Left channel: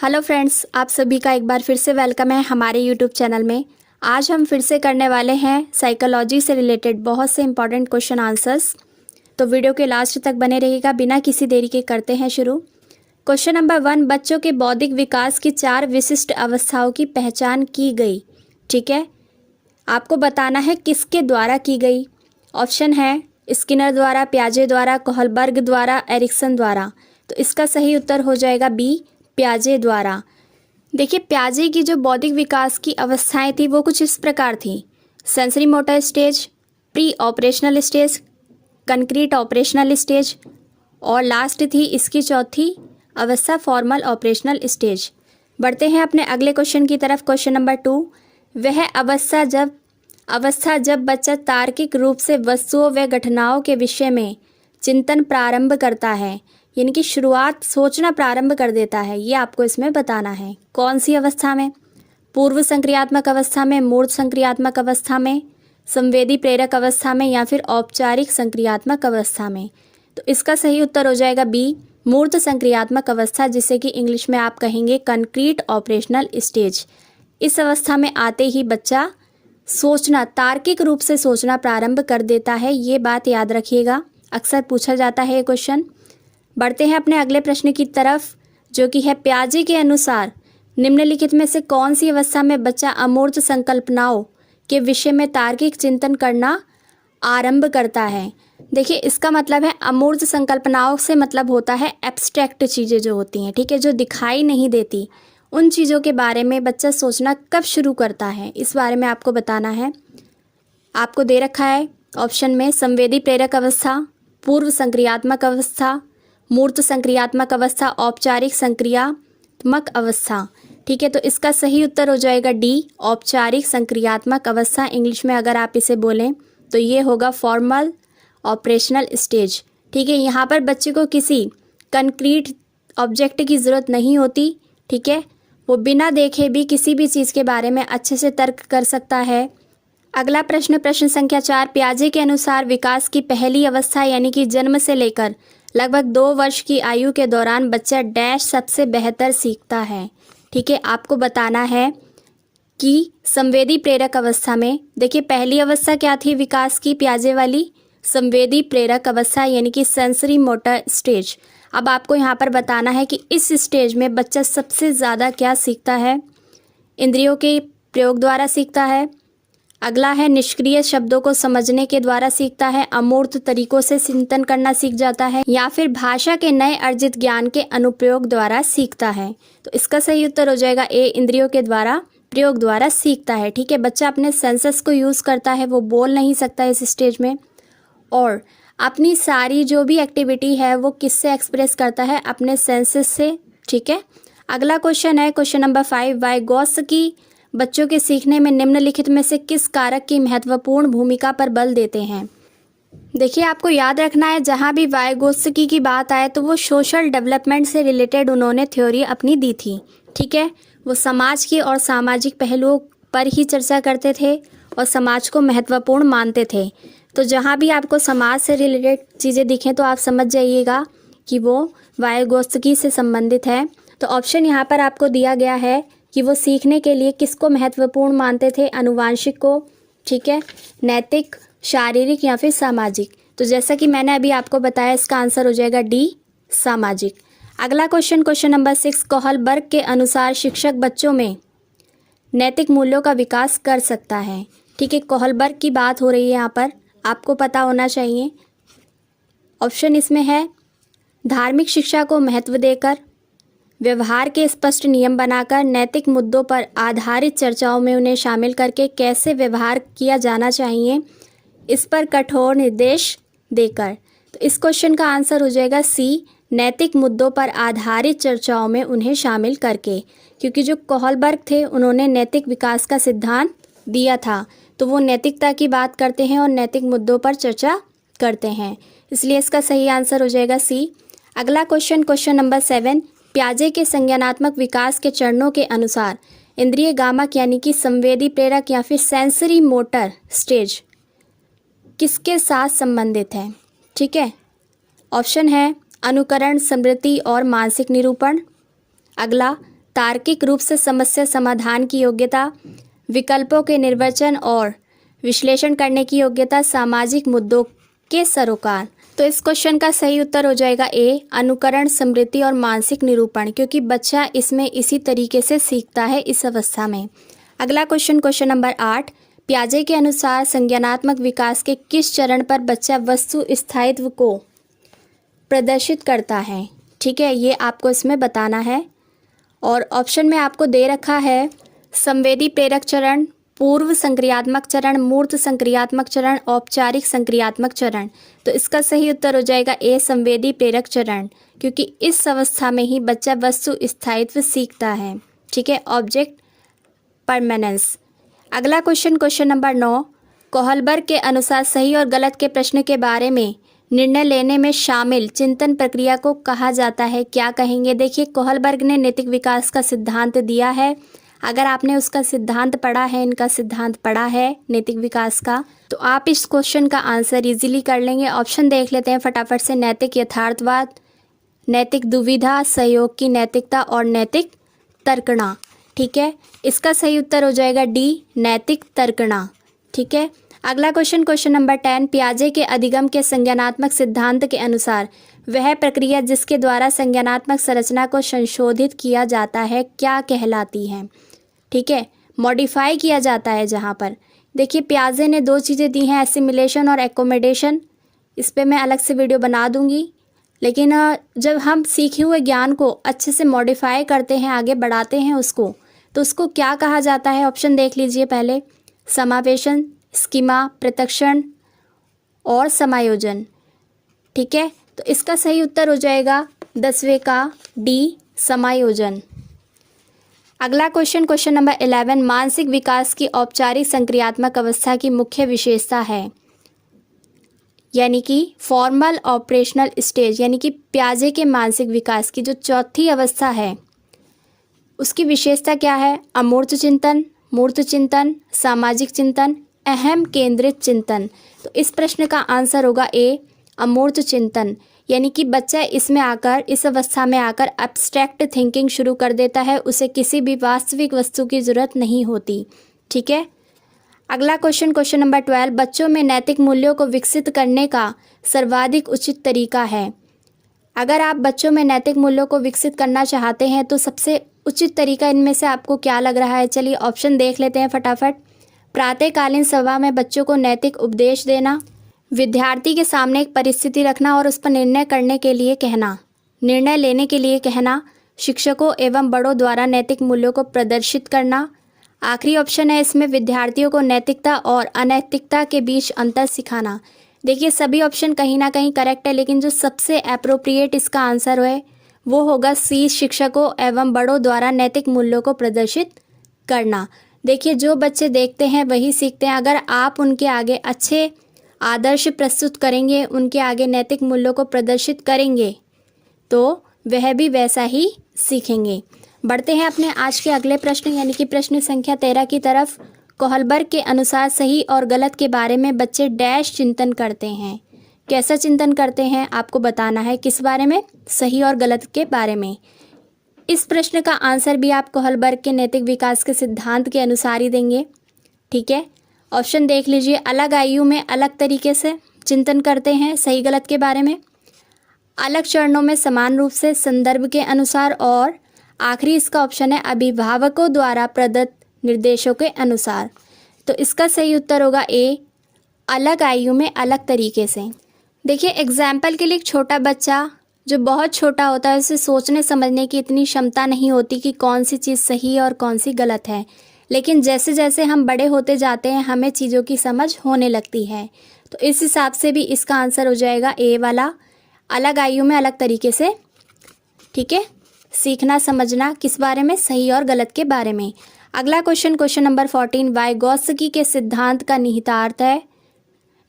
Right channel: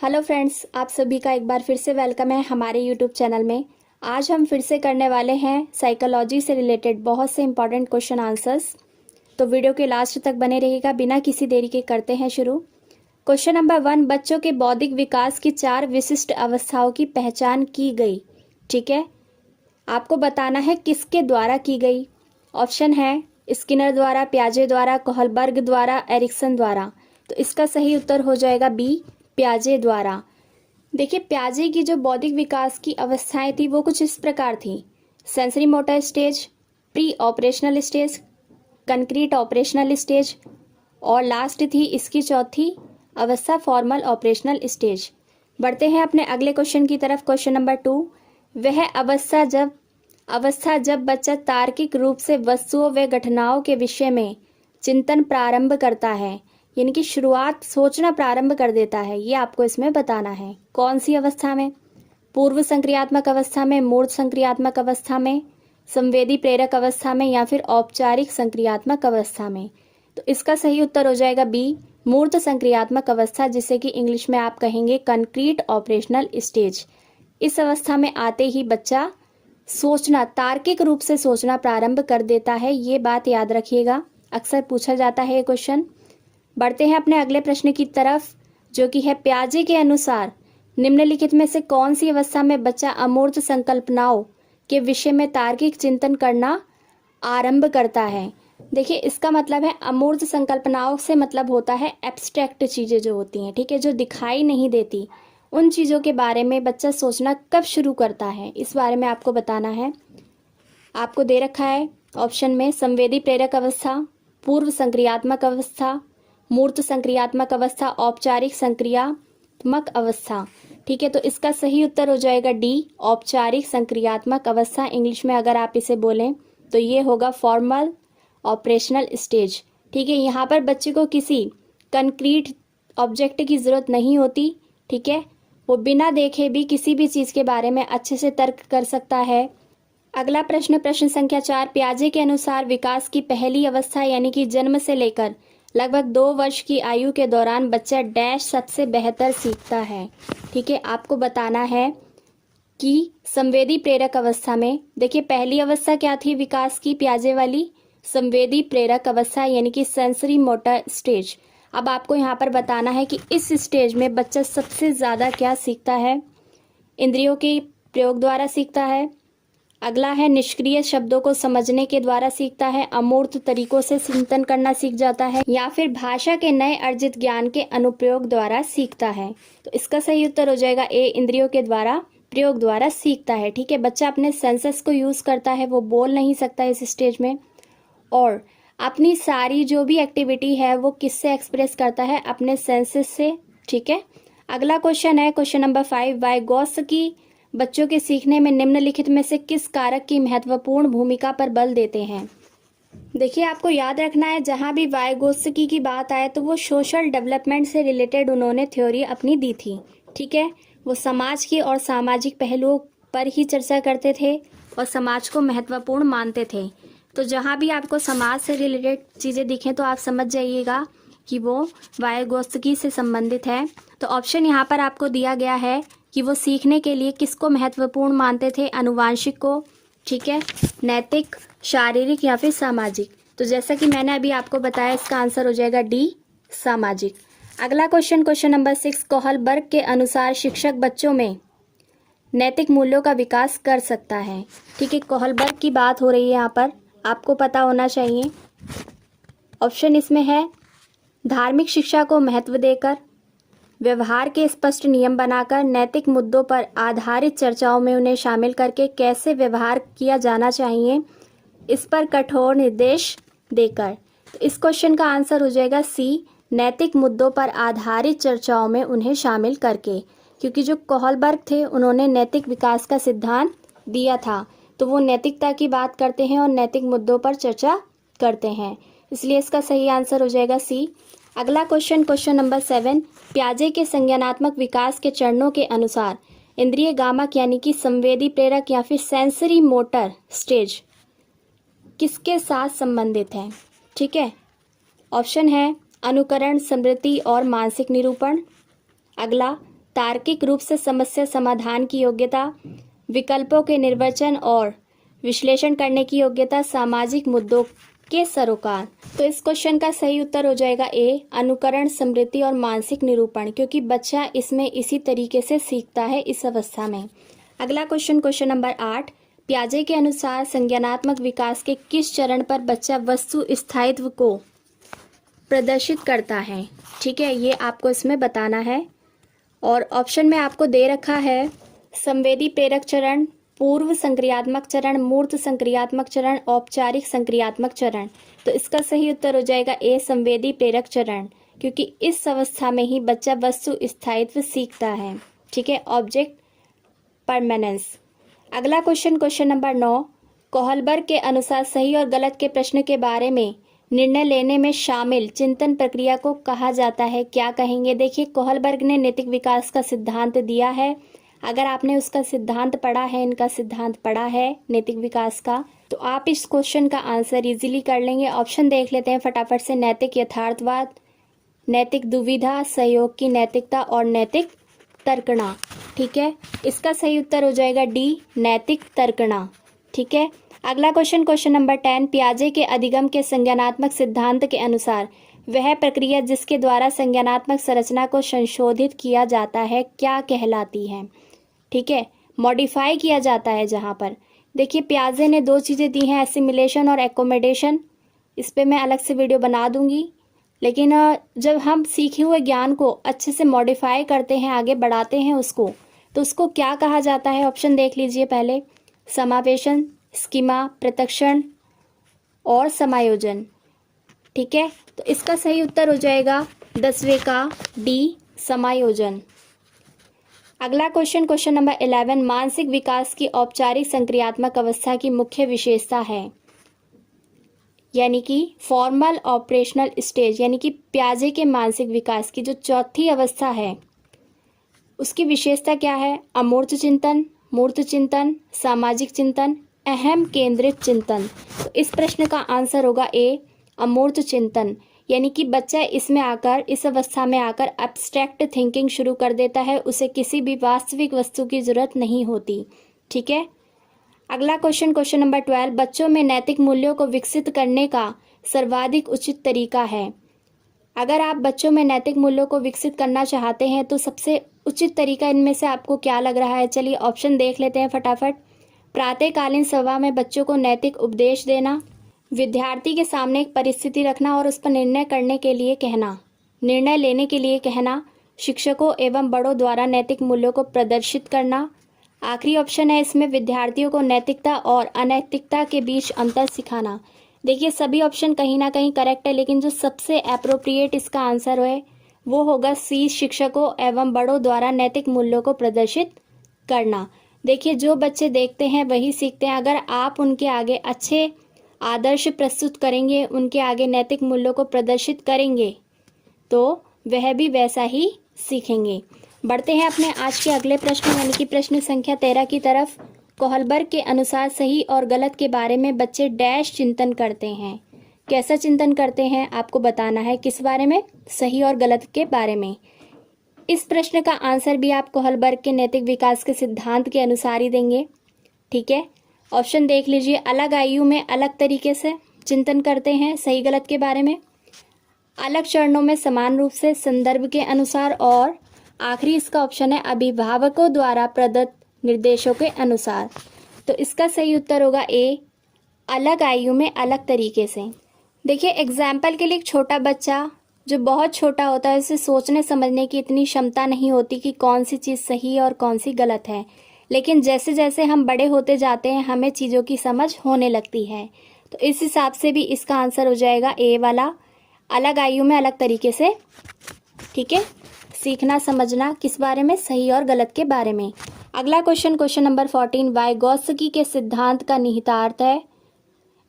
Hello friends, आप सभी का एक बार फिर से वेलकम है हमारे यूट्यूब चैनल में। आज हम फिर से करने वाले हैं साइकोलॉजी से रिलेटेड बहुत से इंपॉर्टेंट क्वेश्चन आंसर्स। तो वीडियो के लास्ट तक बने रहिएगा। बिना किसी देरी के करते हैं शुरू। क्वेश्चन नंबर 1, बच्चों के बौद्धिक विकास की 4 विशिष्ट अवस्थाओं की पहचान की गई। ठीक है, आपको बताना है किसके द्वारा की गई। ऑप्शन है स्किनर द्वारा, पियाजे द्वारा, कोहलबर्ग द्वारा, एरिक्सन द्वारा। तो इसका सही उत्तर हो जाएगा बी, पियाजे द्वारा। देखिए, पियाजे की जो बौद्धिक विकास की अवस्थाएं थी वो कुछ इस प्रकार थी: sensory motor stage, pre operational stage, concrete operational stage और लास्ट थी इसकी चौथी अवस्था फॉर्मल ऑपरेशनल स्टेज। बढ़ते हैं अपने अगले क्वेश्चन की तरफ। क्वेश्चन नंबर 2, वह अवस्था जब बच्चा तार्किक रूप से वस्तुओं व घटनाओं के विषय में चिंतन प्रारंभ करता है, यानी कि शुरुआत सोचना प्रारंभ कर देता है। ये आपको इसमें बताना है कौन सी अवस्था में: पूर्व संक्रियात्मक अवस्था में, मूर्त संक्रियात्मक अवस्था में, संवेदी प्रेरक अवस्था में या फिर औपचारिक संक्रियात्मक अवस्था में। तो इसका सही उत्तर हो जाएगा बी, मूर्त संक्रियात्मक अवस्था, जिसे कि इंग्लिश में आप कहेंगे कंक्रीट ऑपरेशनल स्टेज। इस अवस्था में आते ही बच्चा सोचना, तार्किक रूप से सोचना प्रारंभ कर देता है। ये बात याद रखिएगा, अक्सर पूछा जाता है ये क्वेश्चन। बढ़ते हैं अपने अगले प्रश्न की तरफ, जो कि है पियाजे के अनुसार निम्नलिखित में से कौन सी अवस्था में बच्चा अमूर्त संकल्पनाओं के विषय में तार्किक चिंतन करना आरंभ करता है। देखिए, इसका मतलब है अमूर्त संकल्पनाओं से मतलब होता है एब्स्ट्रैक्ट चीज़ें जो होती हैं, ठीक है, जो दिखाई नहीं देती, उन चीज़ों के बारे में बच्चा सोचना कब शुरू करता है, इस बारे में आपको बताना है। आपको दे रखा है ऑप्शन में संवेदी प्रेरक अवस्था, पूर्व संक्रियात्मक अवस्था, मूर्त संक्रियात्मक अवस्था, औपचारिक संक्रियात्मक अवस्था। ठीक है, तो इसका सही उत्तर हो जाएगा डी, औपचारिक संक्रियात्मक अवस्था। इंग्लिश में अगर आप इसे बोलें तो ये होगा फॉर्मल ऑपरेशनल स्टेज। ठीक है, यहाँ पर बच्चे को किसी कंक्रीट ऑब्जेक्ट की ज़रूरत नहीं होती। ठीक है, वो बिना देखे भी किसी भी चीज़ के बारे में अच्छे से तर्क कर सकता है। अगला प्रश्न, प्रश्न संख्या 4, पियाजे के अनुसार विकास की पहली अवस्था यानी कि जन्म से लेकर लगभग 2 वर्ष की आयु के दौरान बच्चा डैश सबसे बेहतर सीखता है। ठीक है, आपको बताना है कि संवेदी प्रेरक अवस्था में, देखिए पहली अवस्था क्या थी विकास की पियाजे वाली, संवेदी प्रेरक अवस्था यानी कि सेंसरी मोटर स्टेज। अब आपको यहाँ पर बताना है कि इस स्टेज में बच्चा सबसे ज़्यादा क्या सीखता है। इंद्रियों के प्रयोग द्वारा सीखता है। अगला है निष्क्रिय शब्दों को समझने के द्वारा सीखता है, अमूर्त तरीकों से चिंतन करना सीख जाता है, या फिर भाषा के नए अर्जित ज्ञान के अनुप्रयोग द्वारा सीखता है। तो इसका सही उत्तर हो जाएगा ए, इंद्रियों के द्वारा प्रयोग द्वारा सीखता है। ठीक है, बच्चा अपने सेंसेस को यूज़ करता है, वो बोल नहीं सकता इस स्टेज में, और अपनी सारी जो भी एक्टिविटी है वो किससे एक्सप्रेस करता है, अपने सेंसेस से। ठीक है, अगला क्वेश्चन है क्वेश्चन नंबर 5, वाइगोत्स्की बच्चों के सीखने में निम्नलिखित में से किस कारक की महत्वपूर्ण भूमिका पर बल देते हैं। देखिए, आपको याद रखना है जहाँ भी वाइगोत्स्की की बात आए तो वो सोशल डेवलपमेंट से रिलेटेड उन्होंने थ्योरी अपनी दी थी। ठीक है, वो समाज की और सामाजिक पहलुओं पर ही चर्चा करते थे और समाज को महत्वपूर्ण मानते थे। तो जहाँ भी आपको समाज से रिलेटेड चीज़ें दिखें तो आप समझ जाइएगा कि वो वाइगोत्स्की से संबंधित है। तो ऑप्शन यहाँ पर आपको दिया गया है कि वो सीखने के लिए किसको महत्वपूर्ण मानते थे, अनुवांशिक को, ठीक है, नैतिक, शारीरिक या फिर सामाजिक। तो जैसा कि मैंने अभी आपको बताया, इसका आंसर हो जाएगा डी, सामाजिक। अगला क्वेश्चन, क्वेश्चन नंबर 6, कोहलबर्ग के अनुसार शिक्षक बच्चों में नैतिक मूल्यों का विकास कर सकता है। ठीक है, कोहलबर्ग की बात हो रही है यहाँ पर, आपको पता होना चाहिए। ऑप्शन इसमें है धार्मिक शिक्षा को महत्व देकर, व्यवहार के स्पष्ट नियम बनाकर, नैतिक मुद्दों पर आधारित चर्चाओं में उन्हें शामिल करके, कैसे व्यवहार किया जाना चाहिए इस पर कठोर निर्देश देकर। तो इस क्वेश्चन का आंसर हो जाएगा सी, नैतिक मुद्दों पर आधारित चर्चाओं में उन्हें शामिल करके, क्योंकि जो कोहलबर्ग थे उन्होंने नैतिक विकास का सिद्धांत दिया था, तो वो नैतिकता की बात करते हैं और नैतिक मुद्दों पर चर्चा करते हैं, इसलिए इसका सही आंसर हो जाएगा सी। अगला क्वेश्चन, क्वेश्चन नंबर 7, पियाजे के संज्ञानात्मक विकास के चरणों के अनुसार इंद्रिय गामक यानी कि संवेदी प्रेरक या फिर सेंसरी मोटर स्टेज किसके साथ संबंधित है। ठीक है, ऑप्शन है अनुकरण, स्मृति और मानसिक निरूपण। अगला तार्किक रूप से समस्या समाधान की योग्यता, विकल्पों के निर्वचन और विश्लेषण करने की योग्यता, सामाजिक मुद्दों के सरोकार। तो इस क्वेश्चन का सही उत्तर हो जाएगा ए, अनुकरण, स्मृति और मानसिक निरूपण, क्योंकि बच्चा इसमें इसी तरीके से सीखता है इस अवस्था में। अगला क्वेश्चन नंबर 8, पियाजे के अनुसार संज्ञानात्मक विकास के किस चरण पर बच्चा वस्तु स्थायित्व को प्रदर्शित करता है? ठीक है, ये आपको इसमें बताना है। और ऑप्शन में आपको दे रखा है संवेदी प्रेरक चरण, पूर्व संक्रियात्मक चरण, मूर्त संक्रियात्मक चरण, औपचारिक संक्रियात्मक चरण। तो इसका सही उत्तर हो जाएगा ए, संवेदी प्रेरक चरण, क्योंकि इस अवस्था में ही बच्चा वस्तु स्थायित्व सीखता है। ठीक है, ऑब्जेक्ट परमानेंस। अगला क्वेश्चन नंबर 9, कोहलबर्ग के अनुसार सही और गलत के प्रश्न के बारे में निर्णय लेने में शामिल चिंतन प्रक्रिया को कहा जाता है? क्या कहेंगे? देखिए, कोहलबर्ग ने नैतिक विकास का सिद्धांत दिया है। अगर आपने उसका सिद्धांत पढ़ा है, इनका सिद्धांत पढ़ा है नैतिक विकास का, तो आप इस क्वेश्चन का आंसर इजीली कर लेंगे। ऑप्शन देख लेते हैं फटाफट से। नैतिक यथार्थवाद, नैतिक दुविधा, सहयोग की नैतिकता और नैतिक तर्कणा। ठीक है, इसका सही उत्तर हो जाएगा डी, नैतिक तर्कणा। ठीक है, अगला क्वेश्चन नंबर 10, पियाजे के अधिगम के संज्ञानात्मक सिद्धांत के अनुसार वह प्रक्रिया जिसके द्वारा संज्ञानात्मक संरचना को संशोधित किया जाता है क्या कहलाती है? ठीक है, मॉडिफाई किया जाता है जहाँ पर। देखिए, पियाजे ने 2 चीज़ें दी हैं, एसिमिलेशन और एकोमोडेशन। इस पर मैं अलग से वीडियो बना दूंगी। लेकिन जब हम सीखे हुए ज्ञान को अच्छे से मॉडिफाई करते हैं, आगे बढ़ाते हैं उसको, तो उसको क्या कहा जाता है? ऑप्शन देख लीजिए पहले। समावेशन, स्कीमा, पृथक्करण और समायोजन। ठीक है, तो इसका सही उत्तर हो जाएगा 10वें का डी, समायोजन। अगला क्वेश्चन नंबर 11, मानसिक विकास की औपचारिक संक्रियात्मक अवस्था की मुख्य विशेषता है, यानी कि फॉर्मल ऑपरेशनल स्टेज, यानी कि पियाजे के मानसिक विकास की जो चौथी अवस्था है उसकी विशेषता क्या है? अमूर्त चिंतन, मूर्त चिंतन, सामाजिक चिंतन, अहम केंद्रित चिंतन। तो इस प्रश्न का आंसर होगा ए, अमूर्त चिंतन, यानी कि बच्चा इसमें आकर, इस अवस्था में आकर एब्स्ट्रैक्ट थिंकिंग शुरू कर देता है, उसे किसी भी वास्तविक वस्तु की जरूरत नहीं होती। ठीक है, अगला क्वेश्चन नंबर 12, बच्चों में नैतिक मूल्यों को विकसित करने का सर्वाधिक उचित तरीका है। अगर आप बच्चों में नैतिक मूल्यों को विकसित करना चाहते हैं तो सबसे उचित तरीका इनमें से आपको क्या लग रहा है? चलिए ऑप्शन देख लेते हैं फटाफट। प्रातःकालीन सभा में बच्चों को नैतिक उपदेश देना, विद्यार्थी के सामने एक परिस्थिति रखना और उस पर निर्णय करने के लिए कहना, निर्णय लेने के लिए कहना, शिक्षकों एवं बड़ों द्वारा नैतिक मूल्यों को प्रदर्शित करना। आखिरी ऑप्शन है इसमें विद्यार्थियों को नैतिकता और अनैतिकता के बीच अंतर सिखाना। देखिए, सभी ऑप्शन कहीं ना कहीं करेक्ट है, लेकिन जो सबसे अप्रोप्रिएट इसका आंसर है वो होगा सी, शिक्षकों एवं बड़ों द्वारा नैतिक मूल्यों को प्रदर्शित करना। देखिए, जो बच्चे देखते हैं वही सीखते हैं। अगर आप उनके आगे अच्छे आदर्श प्रस्तुत करेंगे, उनके आगे नैतिक मूल्यों को प्रदर्शित करेंगे, तो वह भी वैसा ही सीखेंगे। बढ़ते हैं अपने आज के अगले प्रश्न, यानी कि प्रश्न संख्या 13 की तरफ। कोहलबर्ग के अनुसार सही और गलत के बारे में बच्चे डैश चिंतन करते हैं। कैसा चिंतन करते हैं आपको बताना है। किस बारे में? सही और गलत के बारे में। इस प्रश्न का आंसर भी आप कोहलबर्ग के नैतिक विकास के सिद्धांत के अनुसार ही देंगे। ठीक है, ऑप्शन देख लीजिए। अलग आयु में अलग तरीके से चिंतन करते हैं सही गलत के बारे में, अलग चरणों में समान रूप से संदर्भ के अनुसार, और आखिरी इसका ऑप्शन है अभिभावकों द्वारा प्रदत्त निर्देशों के अनुसार। तो इसका सही उत्तर होगा ए, अलग आयु में अलग तरीके से। देखिए, एग्जाम्पल के लिए एक छोटा बच्चा जो बहुत छोटा होता है उसे सोचने समझने की इतनी क्षमता नहीं होती कि कौन सी चीज़ सही है और कौन सी गलत है, लेकिन जैसे जैसे हम बड़े होते जाते हैं हमें चीज़ों की समझ होने लगती है। तो इस हिसाब से भी इसका आंसर हो जाएगा ए वाला, अलग आयु में अलग तरीके से। ठीक है, सीखना समझना किस बारे में? सही और गलत के बारे में। अगला क्वेश्चन नंबर 14, वाइगोत्स्की के सिद्धांत का निहितार्थ है।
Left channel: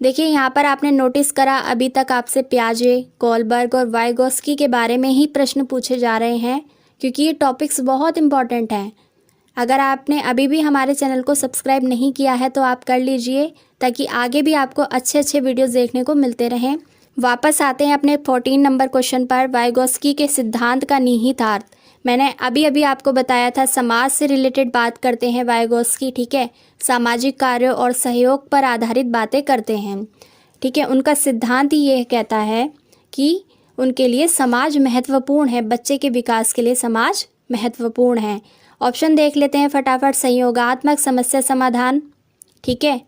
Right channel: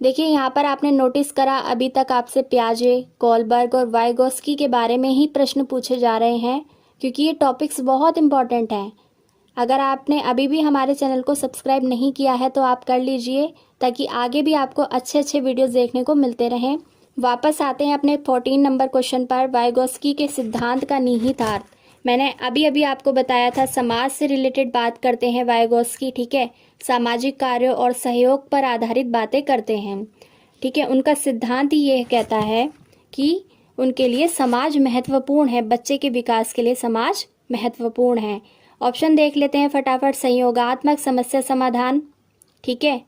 देखिए, यहाँ पर आपने नोटिस करा अभी तक आपसे पियाजे, कोहलबर्ग और वाइगोत्स्की के बारे में ही प्रश्न पूछे जा रहे हैं, क्योंकि ये टॉपिक्स बहुत इंपॉर्टेंट हैं। अगर आपने अभी भी हमारे चैनल को सब्सक्राइब नहीं किया है तो आप कर लीजिए, ताकि आगे भी आपको अच्छे अच्छे वीडियोस देखने को मिलते रहें। वापस आते हैं अपने 14 नंबर क्वेश्चन पर। वाइगोत्स्की के सिद्धांत का निहितार्थ। मैंने अभी अभी आपको बताया था समाज से रिलेटेड बात करते हैं वाइगोत्स्की, ठीक है। सामाजिक कार्यों और सहयोग पर आधारित बातें करते हैं, ठीक है। उनका सिद्धांत ही ये कहता है कि उनके लिए समाज महत्वपूर्ण है, बच्चे के विकास के लिए समाज महत्वपूर्ण है। ऑप्शन देख लेते हैं फटाफट। संयोगात्मक समस्या समाधान, ठीक है।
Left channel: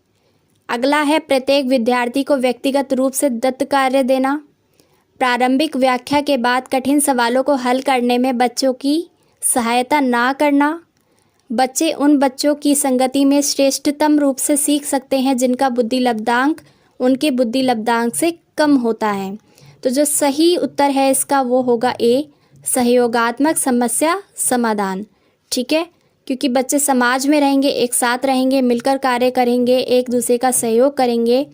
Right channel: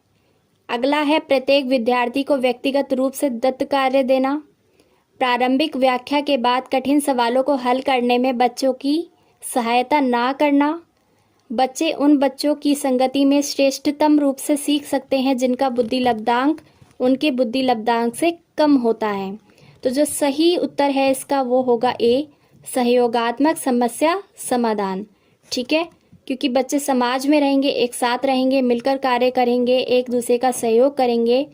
अगला है प्रत्येक विद्यार्थी को व्यक्तिगत रूप से दत्त कार्य देना। प्रारंभिक व्याख्या के बाद कठिन सवालों को हल करने में बच्चों की सहायता ना करना। बच्चे उन बच्चों की संगति में श्रेष्ठतम रूप से सीख सकते हैं जिनका बुद्धि लब्धांक उनके बुद्धि लब्धांक से कम होता है। तो जो सही उत्तर है इसका वो होगा ए, सहयोगात्मक समस्या समाधान, ठीक है। क्योंकि बच्चे समाज में रहेंगे, एक साथ रहेंगे, मिलकर कार्य करेंगे, एक दूसरे का सहयोग करेंगे,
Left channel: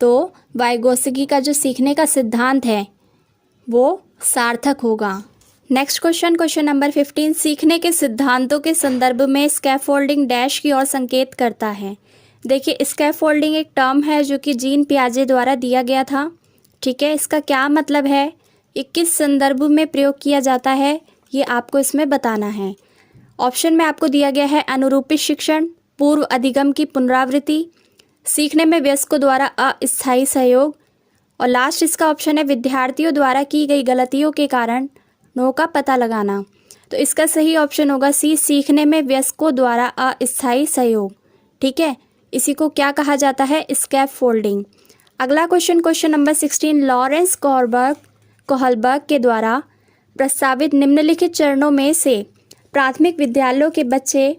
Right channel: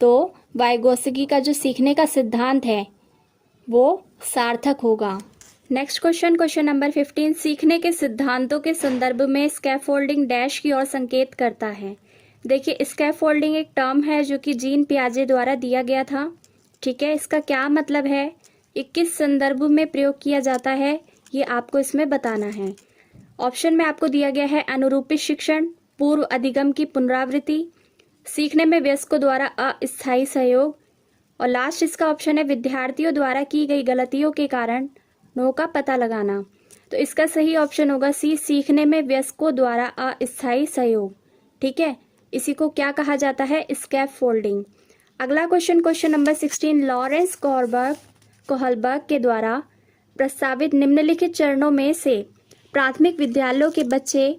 तो वाइगोत्स्की का जो सीखने का सिद्धांत है वो सार्थक होगा। Next question, question number 15। सीखने के सिद्धांतों के संदर्भ में स्कैफोल्डिंग डैश की ओर संकेत करता है। देखिए, स्कैफोल्डिंग एक टर्म है जो कि जीन पियाजे द्वारा दिया गया था, ठीक है। इसका क्या मतलब है, ये किस संदर्भ में प्रयोग किया जाता है, ये आपको इसमें बताना है। ऑप्शन में आपको दिया गया है अनुरूपित शिक्षण, पूर्व अधिगम की पुनरावृत्ति, सीखने में वयस्कों द्वारा अस्थायी सहयोग, और लास्ट इसका ऑप्शन है विद्यार्थियों द्वारा की गई गलतियों के कारण नो का पता लगाना। तो इसका सही ऑप्शन होगा सी, सीखने में वयस्कों द्वारा अस्थायी सहयोग, ठीक है। इसी को क्या कहा जाता है, स्कैफोल्डिंग। अगला question, question number 16। Lawrence Kohlberg के द्वारा प्रस्तावित निम्नलिखित चरणों में से प्राथमिक विद्यालयों के बच्चे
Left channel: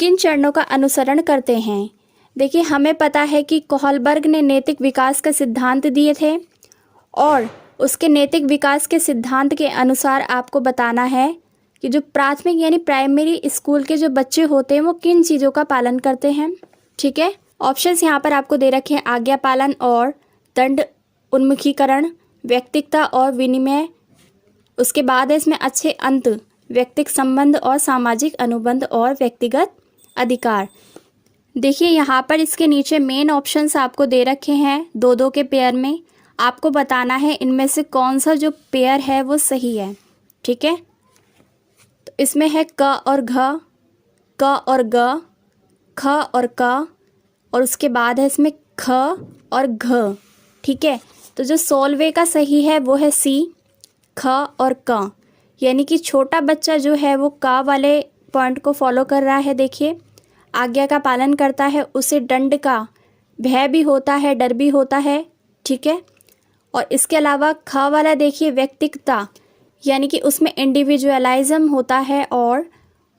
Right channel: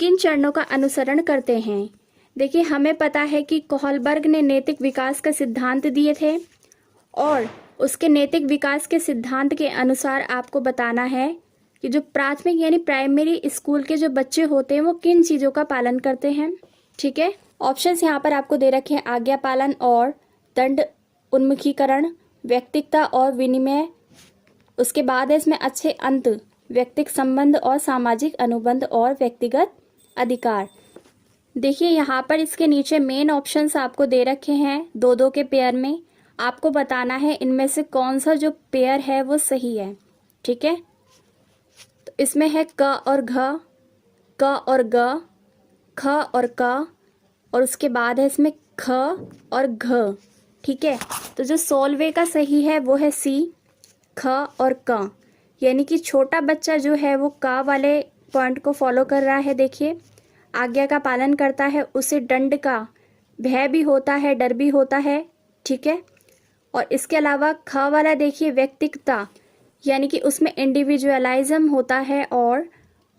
किन चरणों का अनुसरण करते हैं। देखिए, हमें पता है कि कोहलबर्ग ने नैतिक विकास का सिद्धांत दिए थे और उसके नैतिक विकास के सिद्धांत के अनुसार आपको बताना है कि जो प्राथमिक यानी प्राइमरी स्कूल के जो बच्चे होते हैं वो किन चीज़ों का पालन करते हैं, ठीक है। ऑप्शंस यहाँ पर आपको दे रखे हैं, आज्ञा पालन और दंड उन्मुखीकरण, व्यक्तिकता और विनिमय। उसके बाद है इसमें अच्छे अंत, व्यक्तिक संबंध और सामाजिक अनुबंध और व्यक्तिगत अधिकार। देखिए, यहाँ पर इसके नीचे मेन ऑप्शंस आपको दे रखे हैं 2-2 के पेयर में। आपको बताना है इनमें से कौन सा जो पेयर है वो सही है, ठीक है। तो इसमें है क और घ, क और ग, ख और क, और उसके बाद है इसमें ख और घ, ठीक है। तो जो 16वें का सही है वो है सी, ख और क, यानी कि छोटा बच्चा जो है वो क वाले पॉइंट को फॉलो कर रहा है। देखिए, आज्ञा का पालन करता है, उसे दंड का भय भी होता है, डर भी होता है, ठीक है। और इसके अलावा ख वाला देखिए व्यक्तिगता, यानी कि उसमें इंडिविजुअलाइज्म होता है और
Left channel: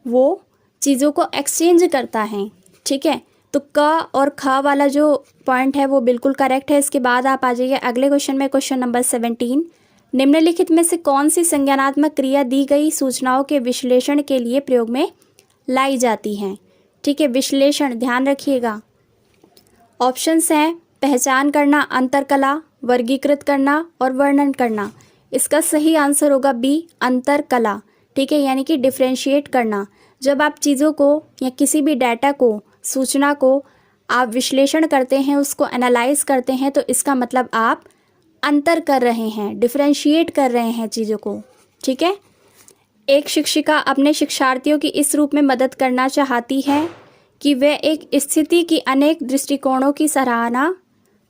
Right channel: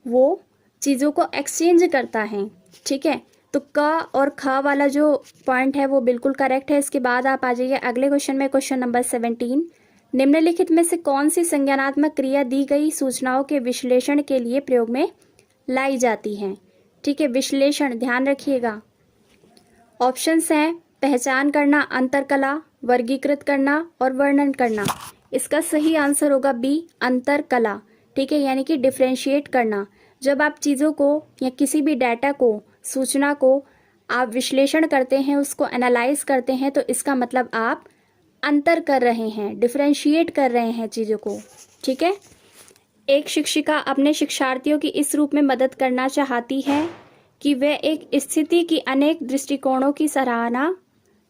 वो चीज़ों को एक्सचेंज करता है, ठीक है। तो क और ख वाला जो पॉइंट है वो बिल्कुल करेक्ट है। इसके बाद आप आ जाइए अगले क्वेश्चन में, क्वेश्चन नंबर 17। निम्नलिखित में से कौन सी संज्ञानात्मक क्रिया दी गई सूचनाओं के विश्लेषण के लिए प्रयोग में लाई जाती है, ठीक है। विश्लेषण ध्यान रखिएगा। ऑप्शंस हैं पहचान करना, अंतरकला, वर्गीकृत करना और वर्णन करना। इसका सही आंसर होगा बी, अंतरकला, ठीक है, यानी कि डिफ्रेंशिएट करना। जब आप चीज़ों को या किसी भी डाटा को, सूचना को आप विश्लेषण करते हैं, उसको एनालाइज करते हैं, तो इसका मतलब आप अंतर कर रहे हैं, डिफ्रेंशिएट कर रहे हैं चीज़ों को, ठीक है। एक शिक्षिका अपने शिक्षार्थियों की इस रूप में मदद करना चाहती है कि वे एक स्थिति की अनेक दृष्टिकोणों की सराहना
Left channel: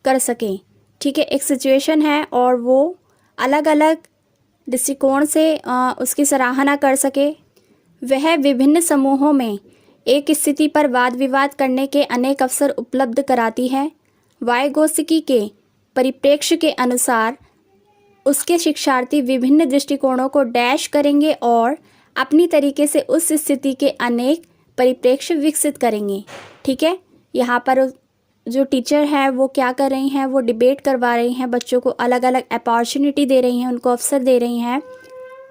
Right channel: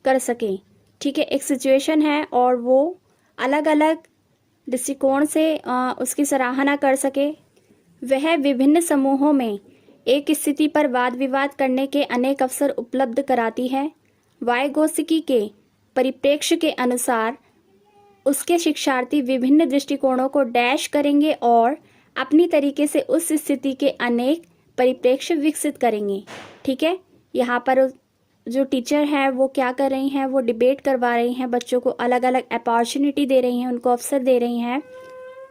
कर सकें, ठीक है। एक सिचुएशन है और वो अलग अलग दृष्टिकोण से उसकी सराहना कर सके। वह विभिन्न समूहों में एक स्थिति पर वाद विवाद करने के अनेक अवसर उपलब्ध कराती है। वाइगोत्स्की के परिप्रेक्ष्य के अनुसार उसके शिक्षार्थी विभिन्न दृष्टिकोणों को डैश करेंगे और अपनी तरीके से उस स्थिति के अनेक परिप्रेक्ष्य विकसित करेंगे, ठीक है। यहाँ पर जो टीचर है वो क्या कर रही हैं, वो डिबेट करवा रही हैं, बच्चों को अलग अलग अपॉर्चुनिटी दे रही हैं, उनको अवसर दे रही हैं।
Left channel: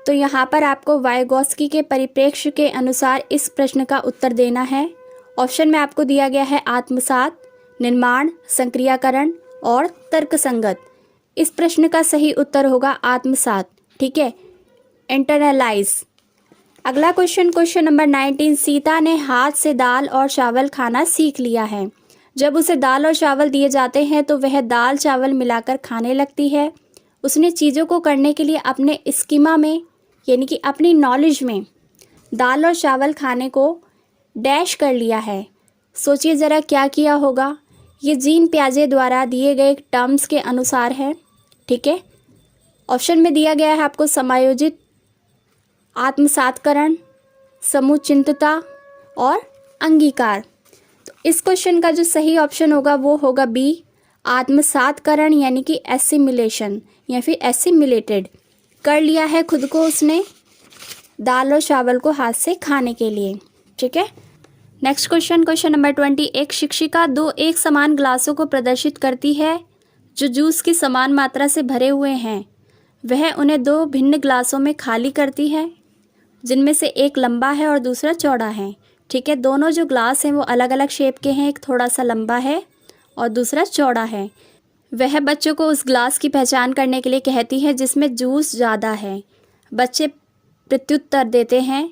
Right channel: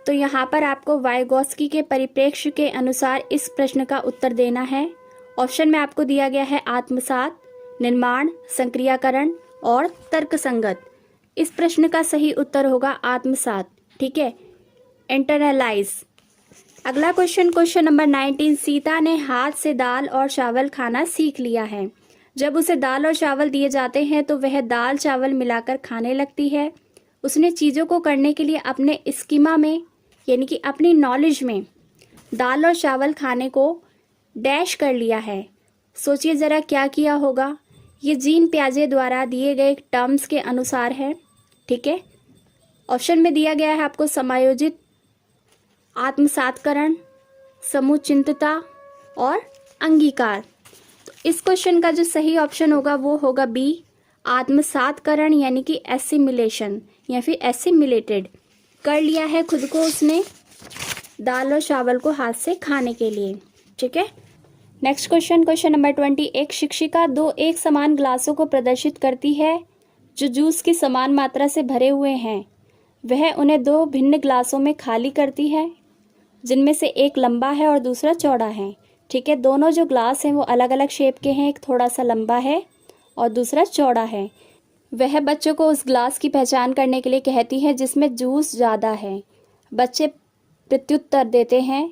तो यहाँ पर आपको वाइगोत्स्की के परिप्रेक्ष्य के अनुसार इस प्रश्न का उत्तर देना है। ऑप्शन में आपको दिया गया है आत्मसात, निर्माण, संक्रियाकरण और तर्कसंगत। इस प्रश्न का सही उत्तर होगा आत्मसात, ठीक है, इंटरनलाइज। अगला क्वेश्चन, क्वेश्चन नंबर 19। सीता ने हाथ से दाल और चावल खाना सीख लिया है। जब उसे दाल और चावल दिए जाते हैं तो वह दाल चावल मिलाकर खाने लगती है। उसने चीज़ों को करने के लिए अपने स्कीमा में यानी कि अपनी नॉलेज में दाल और चावल खाने को डैश कर लिया है। सोचिए ज़रा क्या किया होगा। ये जीन पियाजे द्वारा दिए गए टर्म्स के अनुसार है। ठीक है, ऑप्शन में दिया गया है आपको समायोजित, आत्मसातकरण, समुचितता और अंगीकार। तो इस क्वेश्चन का जो सही ऑप्शन होगा वो होगा बी, आत्मसातकरण, यानी कि एसिमिलेशन या फिर एसिमिलेटेड कर लिया है खुद को उसने दाल और चावल को हाथ से खाने के लिए। ठीक है, नेक्स्ट क्वेश्चन, क्वेश्चन नंबर 20। एक शिक्षिका दो एक समान ग्लासों को प्रदर्शित करती है जो जूस की समान मात्रा से भरे हुए हैं। वह उन्हें दो भिन्न ग्लासों में खाली करती है, जिनमें से एक लंबा है और दूसरा चौड़ा है। ठीक है, दोनों जो ग्लास हैं वो अलग अलग शेप के हैं, एक थोड़ा सा लंबा है और दूसरा चौड़ा है। वह बच्चों को उस ग्लास की पहचान करने के लिए कहती है जिसमें जूस ज़्यादा है। बच्चे प्रत्युत्तर देते हैं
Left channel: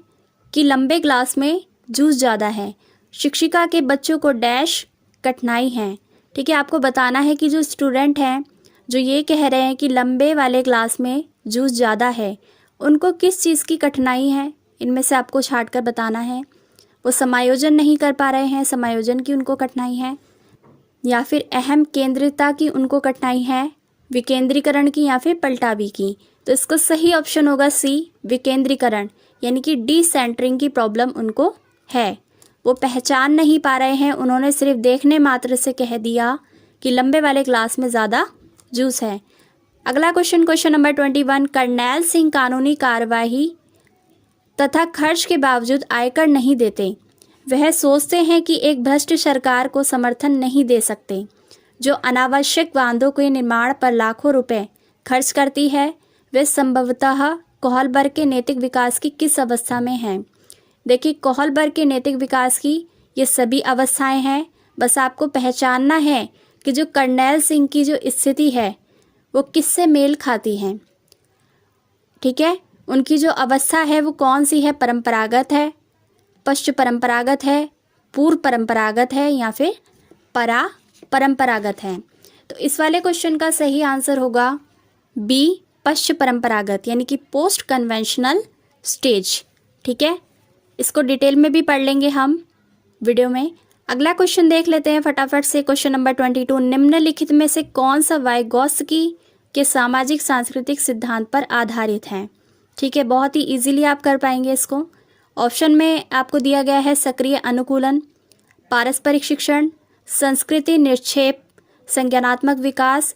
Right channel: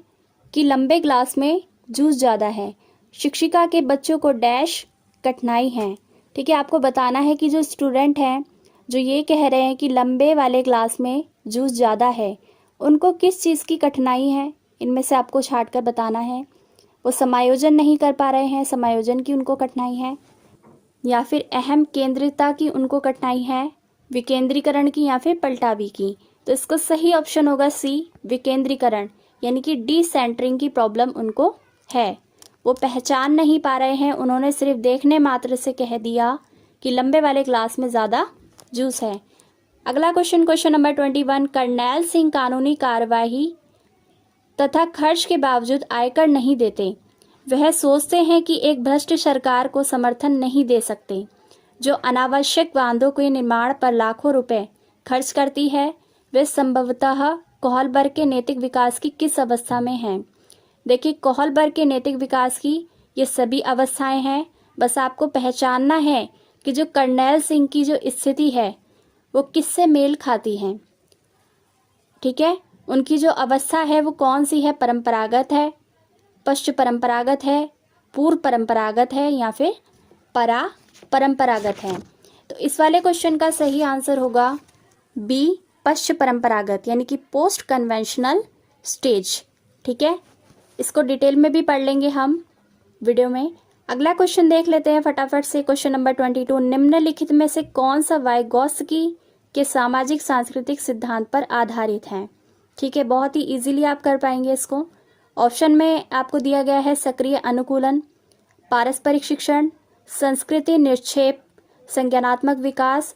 कि लंबे ग्लास में जूस ज़्यादा है। शिक्षिका के बच्चों को डैश कठिनाई है। ठीक है, आपको बताना है कि जो स्टूडेंट हैं जो ये कह रहे हैं कि लंबे वाले ग्लास में जूस ज़्यादा है, उनको किस चीज़ की कठिनाई है, इनमें से आपको छांट कर बताना है। वो समायोजन नहीं कर पा रहे हैं, समायोजन की उनको कठिनाई है, या फिर अहम केंद्रिता की उनको कठिनाई है, विकेंद्रीकरण की, या फिर पलटावी की। तो इसका सही ऑप्शन होगा सी, विकेंद्रीकरण, यानी कि डिसेंटरिंग की प्रॉब्लम उनको है। वो पहचान नहीं पा रहे हैं, उन्होंने सिर्फ देखने मात्र से कह दिया कि लंबे वाले ग्लास में ज़्यादा जूस है। अगला question, question number 21। Karnail Singh कानूनी कार्यवाही तथा खर्च के बावजूद आयकर नहीं देते। वह सोचते हैं कि एक भ्रष्ट सरकार को समर्थन नहीं दे सकते, जो अनावश्यक बांधों के निर्माण पर लाखों रुपए खर्च करती है। वे संभवतः कोहलबर्ग के नैतिक विकास की किस अवस्था में हैं? देखिए, कोहलबर्ग के नैतिक विकास की ये सभी अवस्थाएं हैं। बस आपको पहचानना है कि जो करनैल सिंह की जो स्थिति है वो किससे मेल खाती है। ठीक है, उनकी जो अवस्था है वो कौन सी है, परंपरागत है, पश्च परंपरागत है, पूर्व परंपरागत है, या फिर परंपरागत है। तो इस वाले क्वेश्चन का सही आंसर होगा बी, पश्च परंपरागत, यानी कि पोस्ट कन्वेंशनल स्टेज। ठीक है, इसको डिटेल में भी पढ़ लेंगे हम वीडियो में। अगला क्वेश्चन देख लेते हैं फटाफट से, क्वेश्चन नंबर 22। निम्नलिखित में से कौन सा वाइगोत्स्की के सामाजिक सांस्कृतिक सिद्धांत पर आधारित है? ठीक है, बहुत ही इजीली आप कर पाएंगे इसको। ऑप्शन में आपको दिया गया है सक्रिय अनुकूलन, पारस्परिक शिक्षण, संस्कृति निक्षेप, संज्ञानात्मक विकास,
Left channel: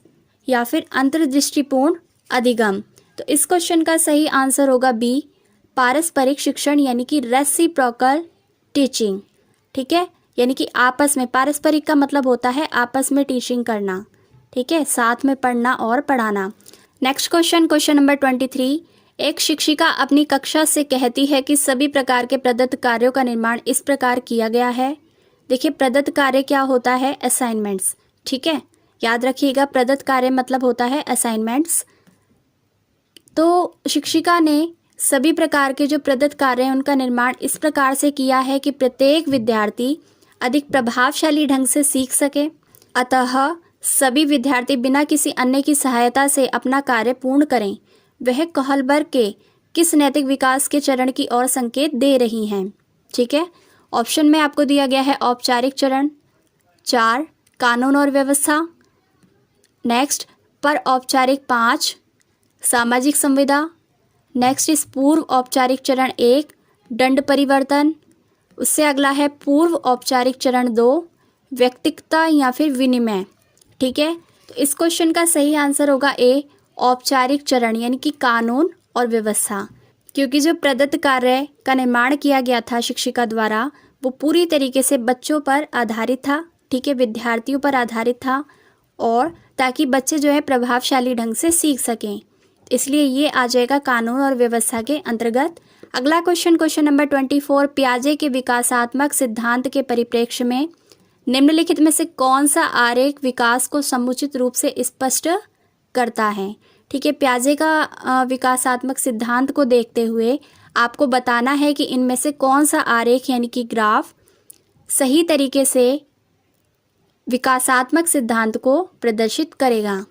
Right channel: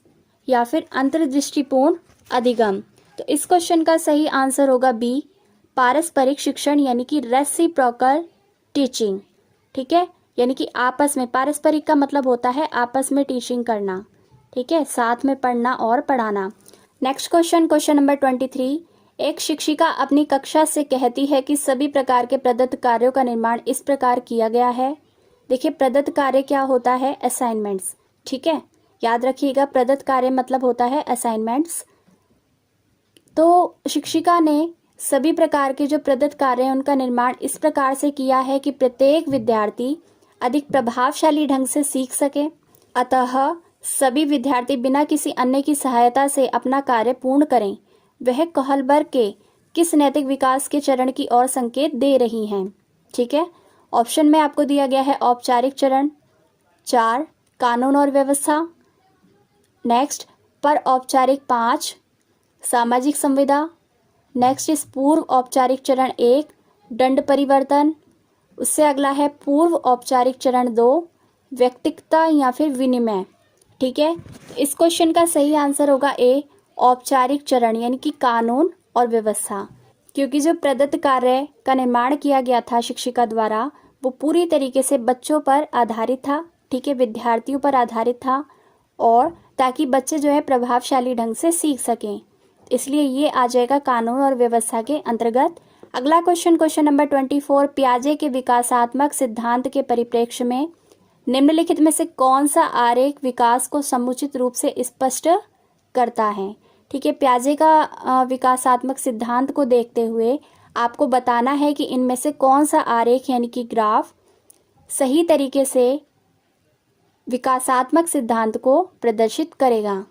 या फिर अंतर्दृष्टिपूर्ण अधिगम। तो इस क्वेश्चन का सही आंसर होगा बी, पारस्परिक शिक्षण, यानी कि रेसिप्रोकल टीचिंग। ठीक है, यानी कि आपस में, पारस्परिक का मतलब होता है आपस में टीचिंग करना। ठीक है, साथ में पढ़ना और पढ़ाना। Next question, question number 23। एक शिक्षिका अपनी कक्षा से कहती है कि सभी प्रकार के प्रदत्त कार्यों का निर्माण इस प्रकार किया गया है। देखिए, प्रदत्त कार्य क्या होता है? असाइनमेंट्स। ठीक है, याद रखिएगा, प्रदत्त कार्य मतलब होता है असाइनमेंट्स। तो शिक्षिका ने सभी प्रकार के जो प्रदत्त कार्य हैं उनका निर्माण इस प्रकार से किया है कि प्रत्येक विद्यार्थी अधिक प्रभावशाली ढंग से सीख सके। अतः सभी विद्यार्थी बिना किसी अन्य की सहायता से अपना कार्य पूर्ण करें। वह कोहलबर्ग के किस नैतिक विकास के चरण की ओर संकेत दे रही हैं? ठीक है, ऑप्शन में आपको दिया गया है औपचारिक चरण, 4 कानून और व्यवस्था, नेक्स्ट पर औपचारिक 5 सामाजिक संविदा, नेक्स्ट इस पूर्व औपचारिक चरण 1 दंड परिवर्तन, उससे अगला है पूर्व औपचारिक चरण 2 व्यक्तिगता या फिर विनिमय। ठीक है, तो इस क्वेश्चन का सही आंसर होगा ए, औपचारिक चरण, यानी कि कानून और व्यवस्था। क्योंकि जो प्रदत्त कार्य का निर्माण किया गया था शिक्षिका द्वारा वो पूरी तरीके से बच्चों पर आधारित था। ठीक है, विद्यार्थियों पर आधारित था, और ताकि बच्चे जो है प्रभावशाली ढंग से सीख सकें, इसलिए ये आ जाएगा कानून और व्यवस्था के अंतर्गत। अगला क्वेश्चन, क्वेश्चन नंबर 24। पियाजे के विकासात्मक सिद्धांत के परिप्रेक्ष्य में निम्नलिखित में से कौन सा आरेख विकास को समुचित रूप से स्पष्ट करता है? ठीक है, पियाजे का विकासात्मक सिद्धांत को देखते हुए आपको बताना है कि इनमें से कौन सा आरेख यानी कि ग्राफ सही तरीके से विकासात्मक सिद्धांत को प्रदर्शित करेगा।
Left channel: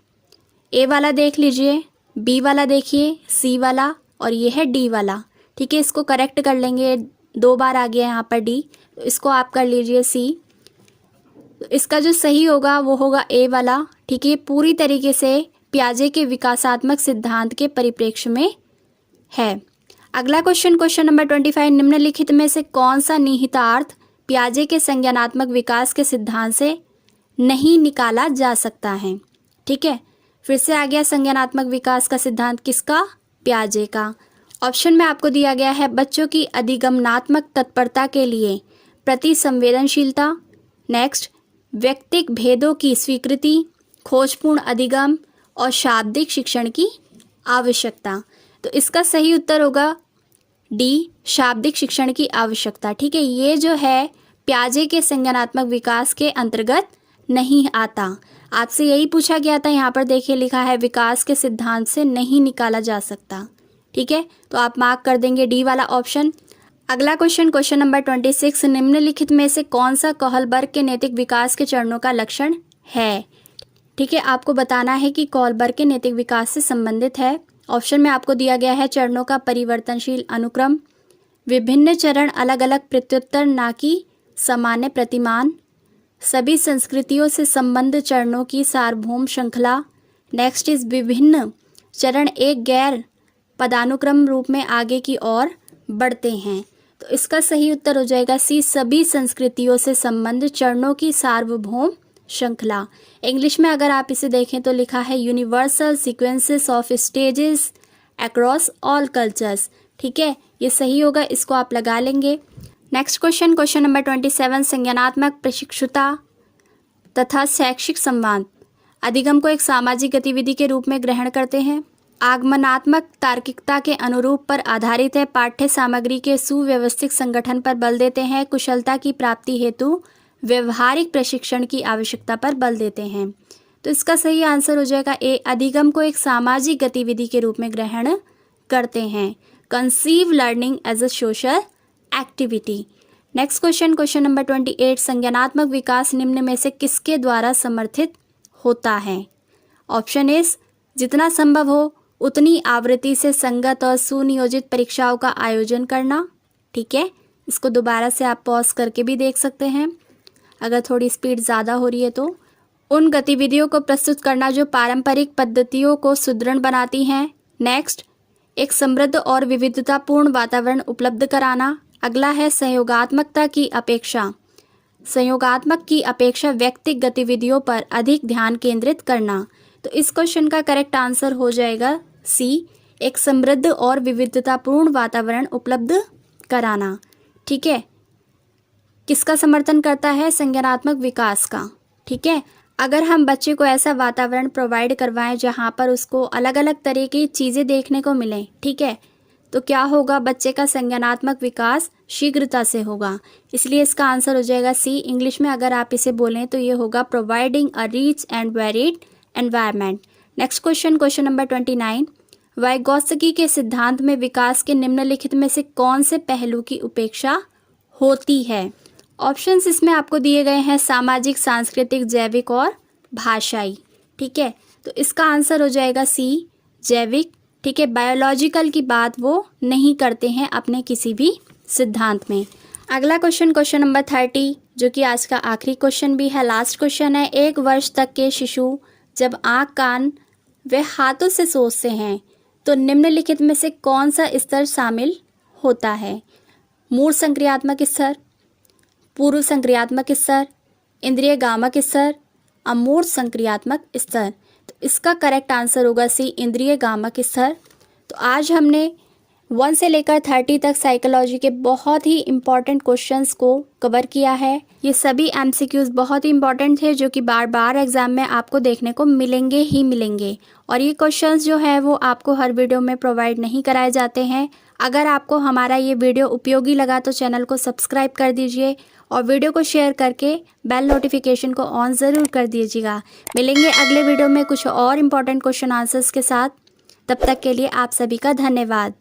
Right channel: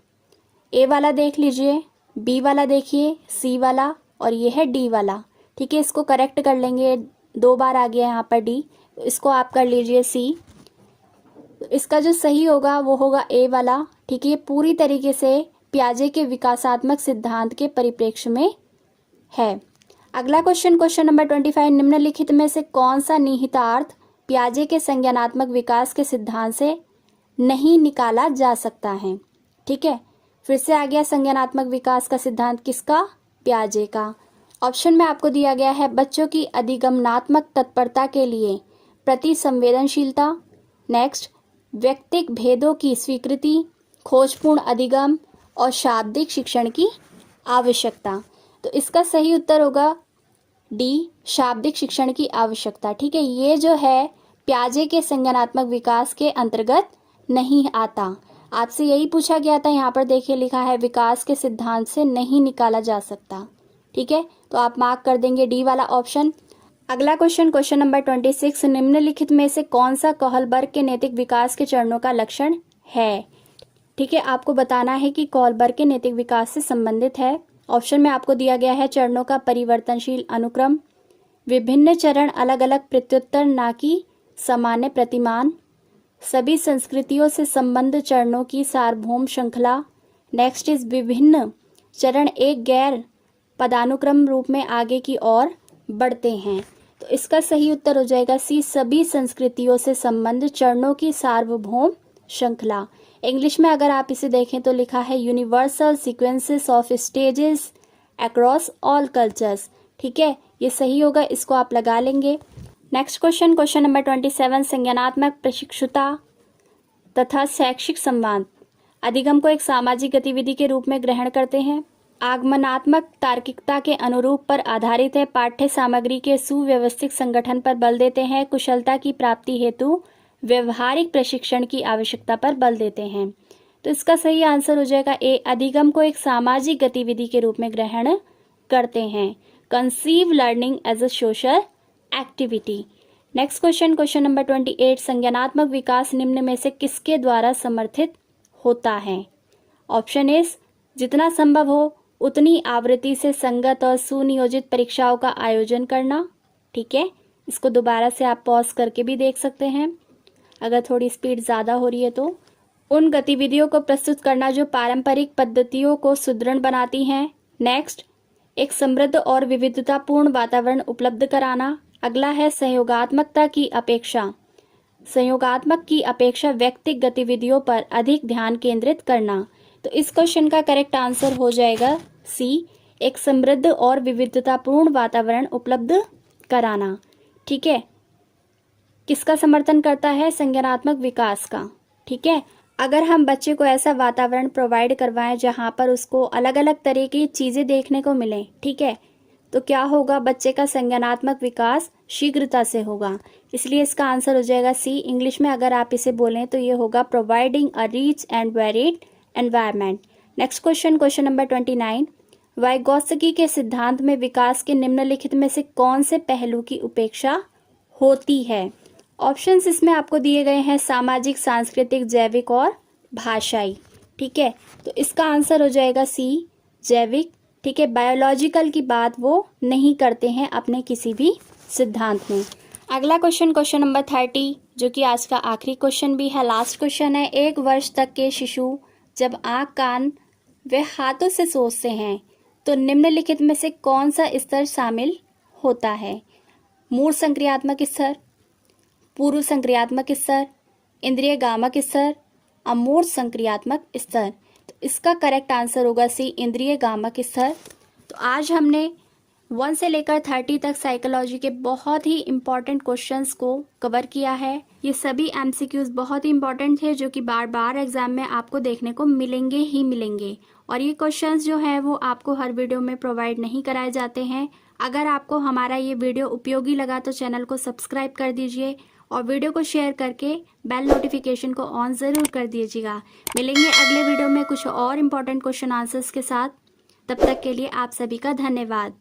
ए वाला देख लीजिए, बी वाला देखिए, सी वाला और ये है डी वाला। ठीक है, इसको करेक्ट कर लेंगे, 2 बार आ गया यहाँ पर डी, तो इसको आप कर लीजिए सी। तो इसका जो सही होगा वो होगा ए वाला। ठीक है, ये पूरी तरीके से पियाजे के विकासात्मक सिद्धांत के परिप्रेक्ष्य में है। अगला क्वेश्चन नंबर 25, निम्नलिखित में से कौन सा निहितार्थ पियाजे के संज्ञानात्मक विकास के सिद्धांत से नहीं निकाला जा सकता है। ठीक है, फिर से आ गया संज्ञानात्मक विकास का सिद्धांत किसका, पियाजे का। ऑप्शन में आपको दिया गया है बच्चों की अधिगमनात्मक तत्परता के लिए प्रति संवेदनशीलता, नेक्स्ट व्यक्तिक भेदों की स्वीकृति, खोजपूर्ण अधिगम और शाब्दिक शिक्षण की आवश्यकता। तो इसका सही उत्तर होगा डी, शाब्दिक शिक्षण की आवश्यकता। ठीक है, ये जो है पियाजे के संज्ञानात्मक विकास के अंतर्गत नहीं आता। आपसे यही पूछा गया था, यहाँ पर देखिए लिखा है विकास के सिद्धांत से नहीं निकाला जा सकता। ठीक है, तो आप मार्क कर देंगे डी वाला ऑप्शन। अगला क्वेश्चन नंबर 26, निम्नलिखित में से कौन सा कोहलबर्ग के नैतिक विकास के चरणों का लक्षण है। ठीक है, आपको बताना है कि कोहलबर्ग के नैतिक विकास से संबंधित है। ऑप्शन में आपको दिया गया है चरणों का परिवर्तनशील अनुक्रम, विभिन्न चरण अलग अलग प्रत्युत्तर ना कि सामान्य प्रतिमान, सभी संस्कृतियों से संबंध चरणों की सार्वभौम श्रृंखला, नेक्स्ट इज विभिन्न चरण एक गैर पदानुक्रम रूप में आगे की ओर बढ़ते हैं। तो इसका सही उत्तर हो जाएगा सी, सभी संस्कृतियों से संबंध चरणों की सार्वभौम श्रृंखला। इंग्लिश में अगर आप इसे देखें तो लिखा है universal sequences of stages across all cultures. ठीक है, ये सही होगा, इसको आप लगा लेंगे। नेक्स्ट क्वेश्चन नंबर 27, संज्ञानात्मक प्रशिक्षुता तथा शैक्षिक संवाद अधिगम को एक सामाजिक गतिविधि के रूप में ग्रहण करते हैं। आगमनात्मक तार्किकता के अनुरूप पर आधारित है, पाठ्य सामग्री के सुव्यवस्थित संगठन पर बल देते हैं, कुशलता की प्राप्ति हेतु व्यवहारिक प्रशिक्षण की आवश्यकता पर बल देते हैं। तो इसका सही आंसर हो जाएगा ए, अधिगम को एक सामाजिक गतिविधि के रूप में ग्रहण करते हैं, conceive learning as a social activity. Next question number 28, संज्ञानात्मक विकास निम्न में से किसके द्वारा समर्थित होता है। ऑप्शन इज जितना संभव हो उतनी आवृत्ति से संगत और सुनियोजित परीक्षाओं का आयोजन करना। ठीक है, इसको दोबारा से आप पॉज करके भी देख सकते हैं अगर थोड़ी स्पीड ज़्यादा हो रही है तो। उन गतिविधियों को प्रस्तुत करना जो पारंपरिक पद्धतियों को सुदृढ़ बनाती हैं। नेक्स्ट, एक समृद्ध और विविधतापूर्ण वातावरण उपलब्ध कराना। अगला है संयोगात्मक की अपेक्षा व्यक्तिगत गतिविधियों पर अधिक ध्यान केंद्रित करना। तो इस क्वेश्चन का करेक्ट आंसर हो जाएगा सी, एक समृद्ध और विविधतापूर्ण वातावरण उपलब्ध कराना। ठीक है, किसका समर्थन करता है, संज्ञानात्मक विकास का। ठीक है, अगर हम बच्चे को ऐसा वातावरण प्रोवाइड करवाएं जहां पर उसको अलग अलग तरह की चीज़ें देखने को मिलें, ठीक है, तो क्या होगा, बच्चे का संज्ञानात्मक विकास शीघ्रता से होगा। इसलिए इसका आंसर हो जाएगा सी। इंग्लिश में अगर आप इसे बोलें तो ये होगा providing a rich and varied environment. Next question number 29, Vygotsky के सिद्धांत में विकास के निम्नलिखित में से कौन से पहलू की उपेक्षा होती है। ऑप्शंस इसमें आपको दिए गए हैं सामाजिक, सांस्कृतिक, जैविक और भाषाई। ठीक है, तो इसका आंसर हो जाएगा सी, जैविक। ठीक है, बायोलॉजिकल की बात वो नहीं करते हैं अपने किसी भी सिद्धांत में। अगला क्वेश्चन नंबर 30, जो कि आज का आखिरी क्वेश्चन भी है, लास्ट क्वेश्चन है। 1 वर्ष तक के शिशु जब आँख, कान व हाथों से सोचते हैं तो निम्नलिखित में से कौन सा स्तर शामिल होता है। मूल संक्रियात्मक स्तर, पूर्व संक्रियात्मक स्तर, इंद्रिय गामक स्तर, अमूर्त संक्रियात्मक स्तर। तो इसका करेक्ट आंसर होगा सी, इंद्रिय गामक स्तर। तो आज हमने 1 से लेकर 30 तक साइकोलॉजी के बहुत ही इम्पॉर्टेंट क्वेश्चंस को कवर किया है। ये सभी एमसीक्यूज बहुत ही इम्पॉर्टेंट है जो कि बार बार एग्जाम में आपको देखने को मिलेंगे ही मिलेंगे। और ये क्वेश्चंस जो है वो आपको हर वीडियो में प्रोवाइड नहीं कराए जाते हैं। अगर आपको हमारा ये वीडियो उपयोगी लगा तो चैनल को सब्सक्राइब कर दीजिए और वीडियो को शेयर करके बेल नोटिफिकेशन को ऑन ज़रूर कर दीजिएगा। मिलेंगे अगले वीडियो में कुछ और इम्पॉर्टेंट क्वेश्चन आंसर्स के साथ। तब तक के लिए आप सभी का धन्यवाद।